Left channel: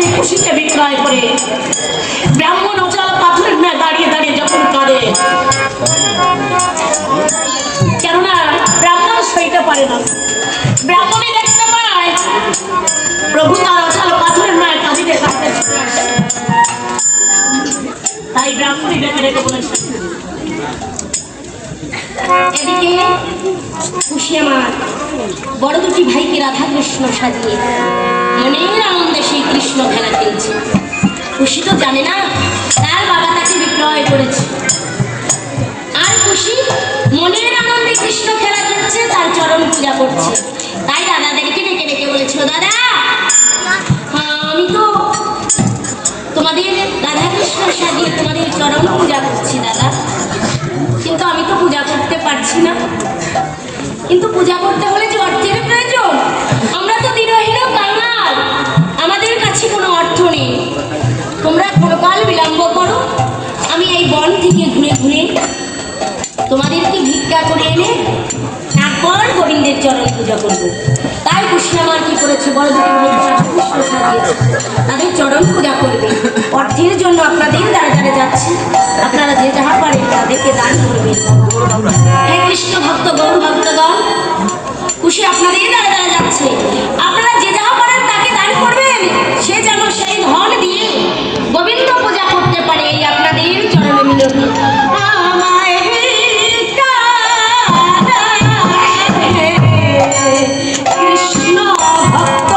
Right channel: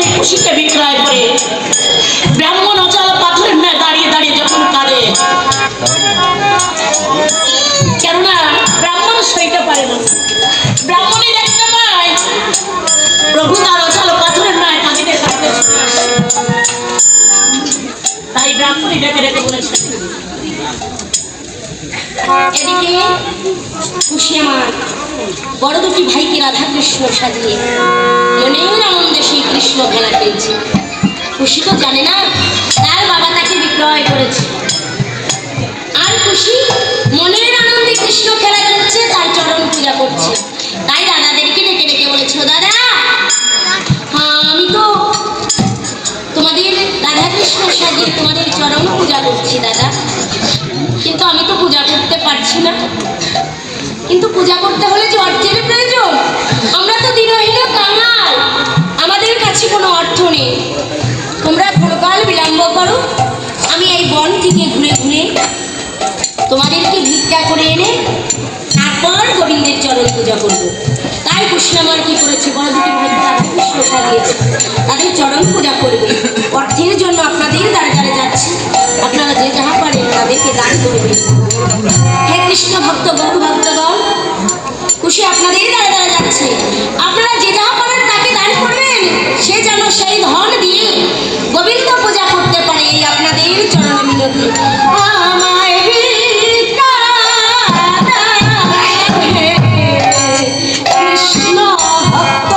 ব্রাহ্মণী খুশিতে বিক্রয় করে। ব্রাহ্মণ অচল পাথরের ন্যায় দাঁড়িয়ে দাঁড়িয়ে যখন কাঁদে, কেননা ব্রাহ্মণ সইতে পারে না। ব্রাহ্মণী দেখতে পায় প্রভু তার অচল পাথরের ন্যায় কাঁদিতে কাঁদতে ছুটে আসে। তাই ব্রাহ্মণী ডেকে ডেকে বলেছে, এদিকে খুশি আমার বড় দুটি ভাইকে রাধা কৃষ্ণ সাজিয়ে মনের আনন্দে সেই কৃষ্ণ খেলা খেলছে। খুশি তো জানে না তার বাবা তাকে বিক্রয় করেছে, আর খুশি মনের আনন্দে কৃষ্ণ খেলা করছে, তার চরণ পূজা করছে। তাই দাদাদেরকে ডেকে ডেকে বলেছে, দাদা আমি তো তোমাদের রাধা কৃষ্ণ সাজিয়ে তোমাদের চরণ পূজা করছি দাদা, কিন্তু আমি তো পূজা করতে পারছি না। কিন্তু পূজা করতে হলে যে অর্থের প্রয়োজন, আমরা তো দিনহীন কাঙাল, আমাদের কাছে কোনো অর্থ নেই। তোমরা কোনকাল বিলম্ব করো, আমি এই বন থেকে ঘুরে ঘুরে তোমাদেরকে ভিক্ষা করে এনে তারপর গোবিন্দের চরণ পূজা করবো। তাই কৃষ্ণ আমার কি করেছে, বড় দুটি কৃষ্ণ সাজিয়েছে, তাদের চরণ পূজা করবে। অর্থের জন্য আপনাদের দ্বারে দ্বারে যাচ্ছে, আপনারা যে যাহা পারেন তাদেরকে দান করবেন। হে কৃষ্ণ ভক্ত গৌর ভক্তগণ, খুশি আপনাদের দ্বারা দ্বারা যাচ্ছে, আপনারা যে যাহা পারেন তাকে দান করবেন, সে যেন সেই ধন দিয়ে গোবিন্দ পূজা করতে পারে, এই আপনাদের চরণে মিনতি। আমায় ভিক্ষা দাও হে কৃষ্ণ ভক্ত,